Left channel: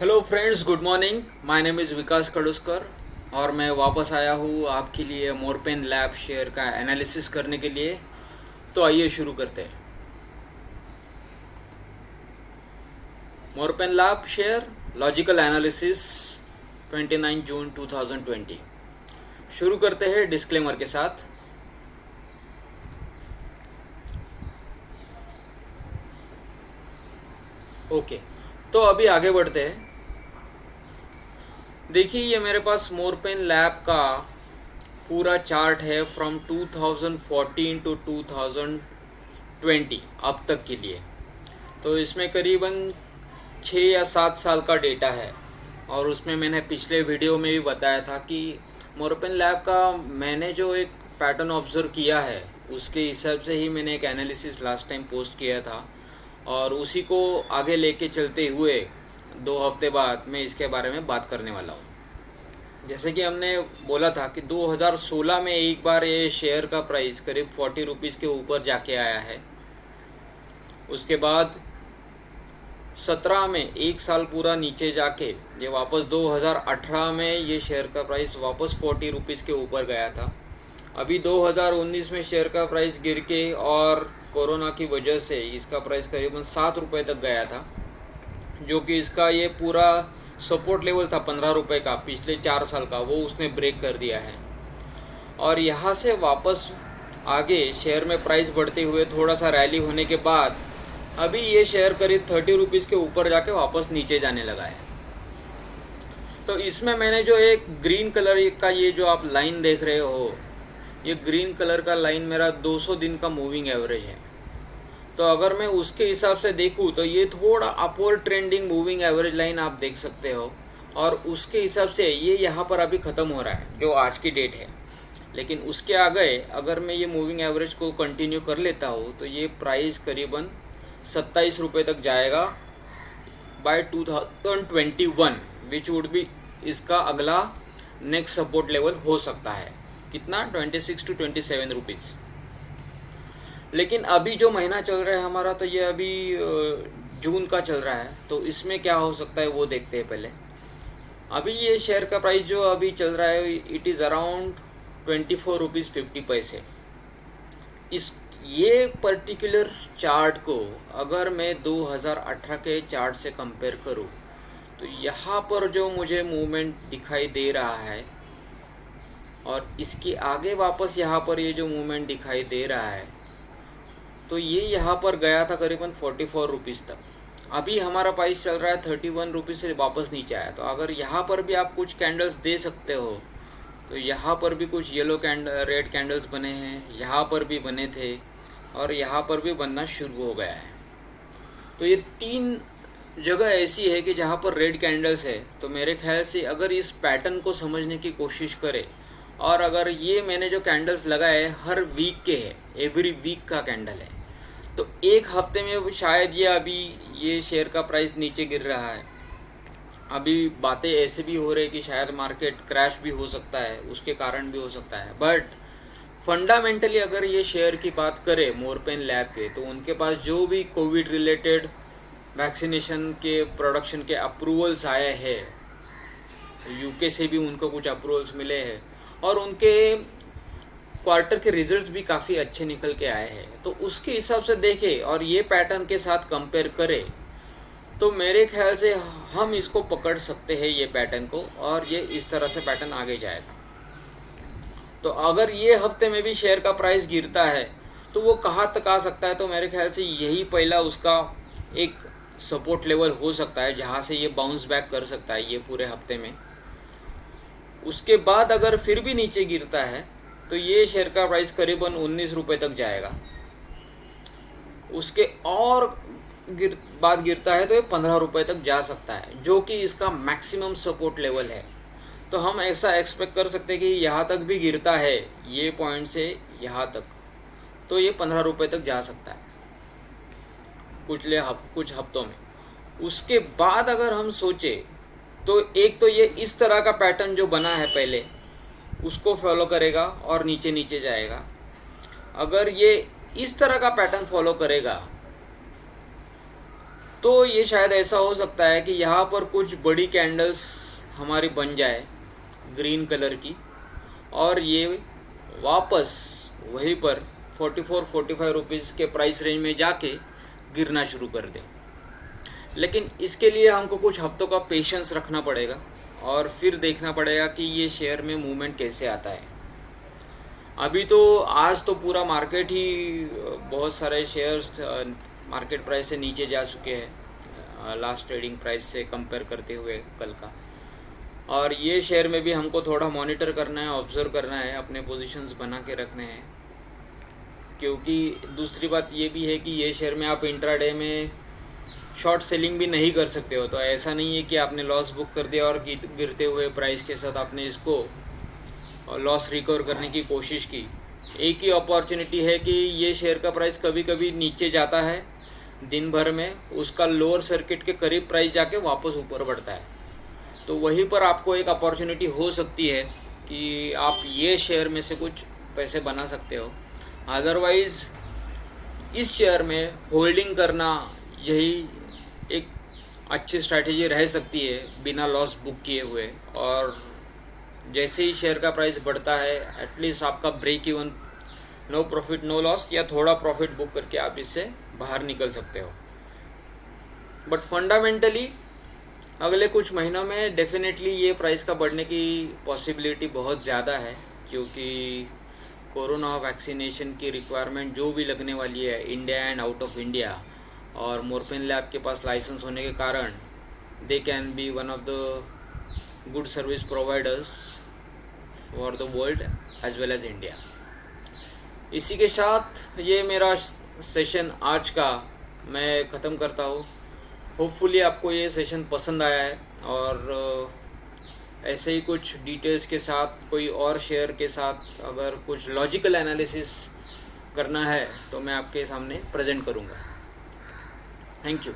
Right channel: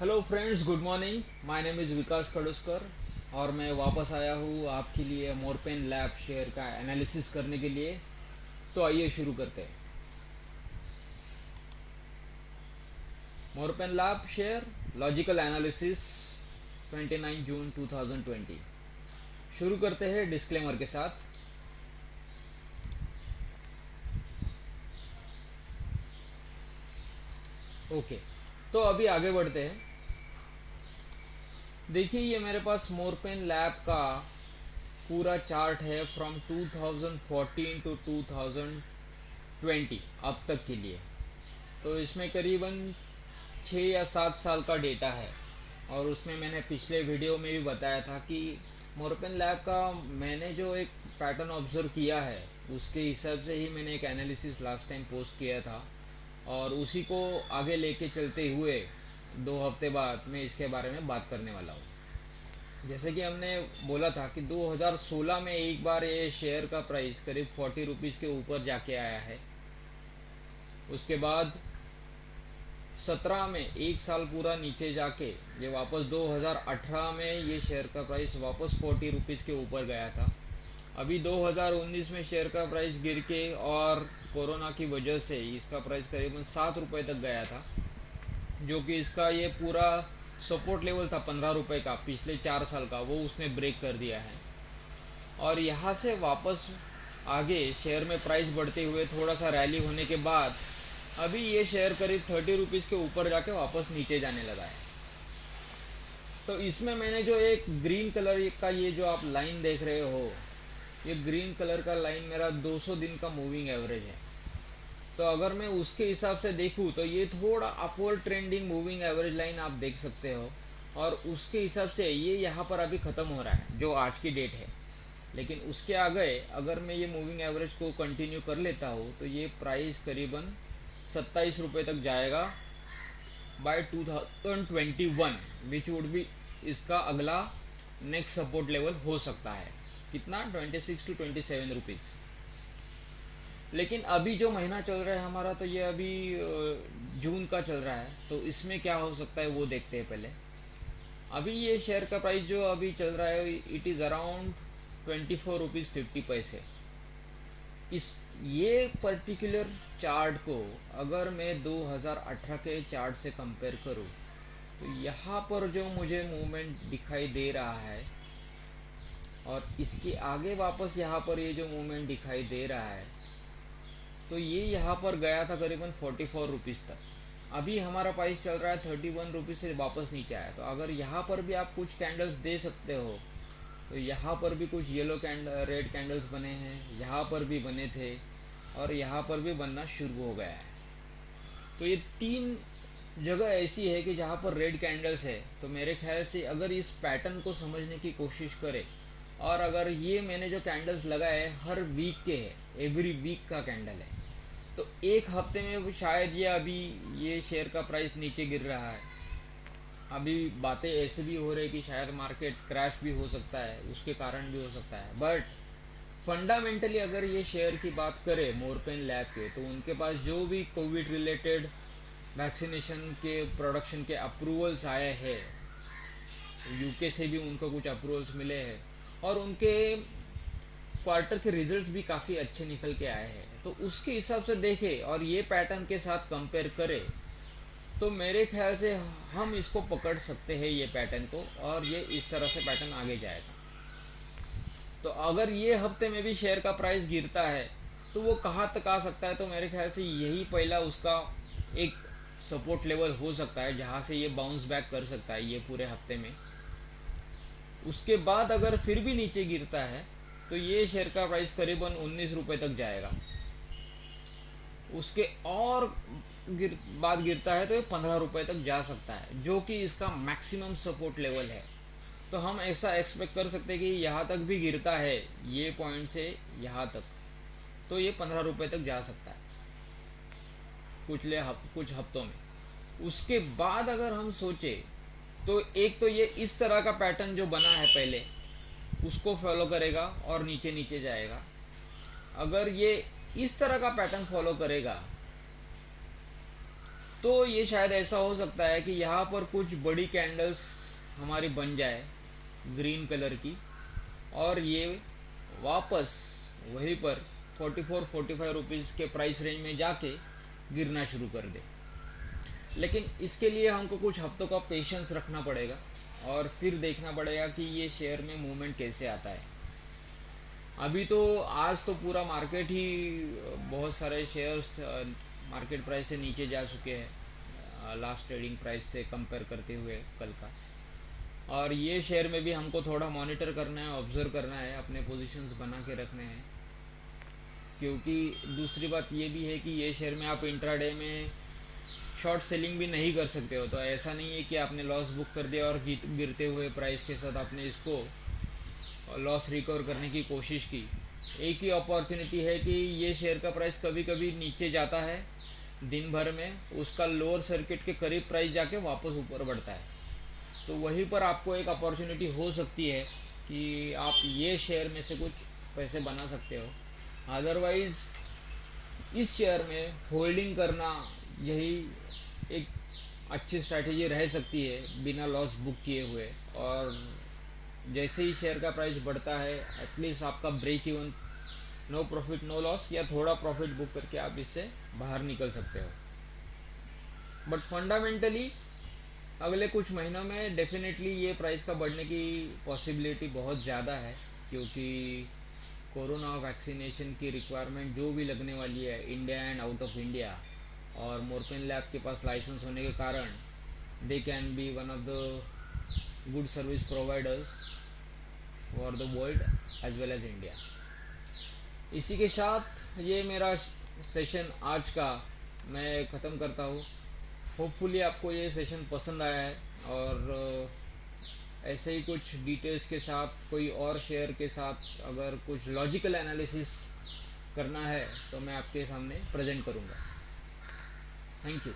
Hello friends, good morning. My name is Vikas Kaduskar और मैं वापस आया हूँ आपके लिए मोरपेन लैब शेयर का एनालिसिस करने के लिए। तो आइए शुरू करते हैं। Morepen lab share logical analysis 29 जून 2020। शुरू करते हैं डिस्क्लेमर के साथ। ओके, तो अभी आगे बढ़ते हैं। देखिए, ये मेरे पास मोरपेन लैब का पूरा चार्ट है फ्रॉम 2014 टू 2020 अब तक के लिए। तो इसमें करीबन 6 या 7 साल का डेटा है। और उसमें मैंने पिछले वीडियो में भी बताया था कि मोरपेन लैब का मैंने जो एक पैटर्न ऑब्जर्व किया है उसके हिसाब से ही मैंने एक एनालिसिस लास्ट टाइम पोस्ट किया था। और उसी को आगे लेके चलते हुए 2 हफ्ते बाद मैं इसके बारे में बात करने वाला हूँ। जैसे कि हमने बोला था कि 2016 में एक बार ये शेयर का प्राइस करीब 40 रुपीज़ के ऊपर जाके आया है। उसके बाद 17 में एक साल पूरा नीचे जाके ये वापस 2018 में ये शेयर का प्राइस वापस 40 रुपीज़ के ऊपर गया था। अभी 2019 में शेयर का प्राइस गिर के और कोरोना की वजह से इसका प्राइस करीबन 7 रुपये तक गया था, जो कि इसका ये पूरा सपोर्ट लेवल था 15 रुपये का पिछले 4 साल का, वो उसने ब्रेक कर दिया है। और यहाँ से वापस आगे शेयर में प्राइस बढ़ते हुए थोड़ा सा रैली होने के बाद अभी ये शेयर करीब 30 रुपीज़ के ऊपर जाके वापस नीचे जाने लगा है। तो इसमें मैंने जो एक ग्रीन कलर का ये जो आप लाइन देख रहे हो, ये ग्रीन कलर का लाइन मेरा 200 दिन का मूविंग एवरेज है। तो अगर मैं उसके हिसाब से देखूँ तो ये थोड़ा upward trending moving average line आप देख सकते हो। और उसके हिसाब से ये यहाँ पर अभी ख़त्म हो रहा है जो आज की डेट है। लेकिन उसके आगे अगर मैं ये मूविंग एवरेज को कंटिन्यू कर लेता हूँ तो ये प्राइस करीबन 27 रुपये तक जाएगा बाय 2021, विच वुड बी इसका अगला नेक्स्ट सपोर्ट लेवल हो सकता है। कितना? 26 to 27 रुपीज़। लेकिन अभी जो महीना चल रहा है हमारा, तो ये अभी जून का चल रहा है। तो इसमें क्या हो सकता है वो देखते हैं पहले। अभी ये शेयर का प्राइस जो अभी चल रहा है इट इज़ अराउंड 24 रुपीज़ 50 पैसे। इस ये पर्टिकुलर चार्ट को अगर मैं 2018 के चार्ट से कंपेयर करूँ तो यहाँ पर जो मुझे मूवमेंट दिखाई दे रहा है और इसके आगे वापस यहाँ पर ये जो मूवमेंट दिखाई दे रहा है, तो ये यहाँ पर गया था करीबन 44 रुपीज़ तक। अभी हमारा प्राइस चल रहा है 31 रुपीज़ से वापस नीचे आया। तो अगर यहाँ पर भी आप कुछ कैंडल्स दे सकते हो तो यहाँ पर भी कुछ येलो रेड कैंडल्स बने हैं, यहाँ पर भी बने थे और यहाँ पर भी बनना शुरू हो गया है। तो ये 3 जगह ऐसी है कि जहाँ पर रेड कैंडल्स है। तो मेरे ख्याल से अगर इस पैटर्न को समझने की कोशिश करें और अगर ये मैंने जो कैंडल्स लगाए हर वीक के है, एवरी वीक का कैंडल है, तो एक हफ्ते में शायद ये अभी ये शेयर का प्राइस नीचे गिर रहा है। अभी बातें ऐसे भी हो रही है कि शायद मार्केट क्रैश भी हो सकता है, उसके कारण भी हो सकता है। बट फंडामेंटली अगर ये शेयर की बात करें मोरपेन लैब के, तो उनके पास जो भी कोविड रिलेटेड वैक्सीनेशन के प्रोडक्शन के अप्रूवल्स आए हैं, यूके से भी उनको कुछ अप्रूवल्स मिले हैं और उनके क्वार्टर के रिजल्ट्स भी काफ़ी अच्छे निकल के आए हैं। तो उसके हिसाब से देखें और ये पैटर्न के साथ कंपेयर करें तो मेरे ख्याल से हम इसको पकड़ सकते हैं ये पैटर्न को, और ये इस तरह से पैटर्न आगे जाएगा। तो अगर ये हफ्ते में भी शेयर का प्राइस गिरता है तो वो कहाँ तक आ सकता है, तो मेरे ख्याल से यही पहला उसका एक सपोर्ट लेवल हो सकता है जहाँ से ये बाउंस बैक कर सकता है ये पूरे हफ्ते में। उसके बाद अगर फिर भी नीचे गिरता है तो ये शेयर का प्राइस करीबन 19 रुपये तक जाएगा। उसके और बाद गिरता है तो ये 15 रुपये तक जा सकता है, जो कि इसका मैक्सिमम सपोर्ट लेवल है। तो हम ऐसा एक्सपेक्ट कर सकते हैं कि यहाँ तक भी गिरता है, ये पॉइंट से यहाँ तक, तो ये 15 रुपये तक जा सकता है कुछ हफ्तों में। उसके बाद अगर हम सोचें तो एक तो ये इस तरह का पैटर्न जो बना है पहले उसको फॉलो करेगा और नीचे नीचे जाएगा। अगर ये इस तरह का पैटर्न फॉलो करेगा तो ये शायद ऐसा हो सकता है कि यहाँ पर कुछ बड़ी कैंडल्स हमारी बन जाए ग्रीन कलर की, और ये वापस वहीं पर 44-45 रुपीज़ के प्राइस रेंज में जाके गिरना शुरू कर दे। लेकिन इसके लिए हमको कुछ हफ्तों का पेशेंस रखना पड़ेगा और फिर देखना पड़ेगा कि ये शेयर में मूवमेंट कैसे आता है। अभी तो आज तो पूरा मार्केट ही बहुत सारे शेयर्स मार्केट प्राइस से नीचे जा चुके हैं लास्ट ट्रेडिंग प्राइस से कंपेयर करते हुए कल का। और ये शेयर में भी हमको थोड़ा मॉनिटर करना है, ऑब्जर्व करना है, अपने पोजीशंस बना के रखने हैं। क्योंकि दूसरी बात ये भी है कि ये शेयर में आप इंट्राडे में शॉर्ट सेलिंग भी नहीं कर सकते हो। तो ऐसा नहीं है कि आपने लॉस बुक कर दिया और गिरते हुए प्राइस के साथ आपने इसको लॉस रिकवर करने की कोशिश की। एक ही अपॉर्चुनिटी है कि ये शेयर का प्राइस कभी कभी नीचे जाता है दिन भर में, उसका लोअर सर्किट के करीब प्राइस जाके वापस ऊपर बढ़ता है। तो वहीं पर आपको एक अपॉर्चुनिटी हो सकती है कि आप ये शेयर में से कुछ पैसे बना सकते हो। अदरवाइज़ इस शेयर में होल्डिंग करना यही एक अच्छी स्ट्रैटेजी रह सकती है बिना लॉस बुक किए हुए। और जैसे ही शेयर का प्राइस बढ़ता है एटलीस्ट आपका break even, no profit no loss, या थोड़ा प्रॉफिट बुक करके आप इससे बाहर निकल सकते हो। बट फंडामेंटली अगले कुछ महीनों में डेफिनेटली ये प्राइस का बढ़ने की पॉसिबिलिटी बहुत ज़्यादा है, क्योंकि कोरोना वैक्सीनेशन की रिक्वायरमेंट जो भी लगने वाली है India and out of India, और मोरपेन लैब के पास लाइसेंस होने के कारण they can be one of the good service providers for the world as well as India. इसी के साथ ये मेरा सेशन आज का मैं ख़त्म करता हूँ। होपफुली आपको ये सेशन पसंद आया है, और ऐसे ही कुछ डिटेल्स के साथ कोई और शेयर के साथ अगर कुछ लॉजिकल एनालिसिस करना है तो मैं आपके सामने प्रेजेंट करूँगा। Thank you.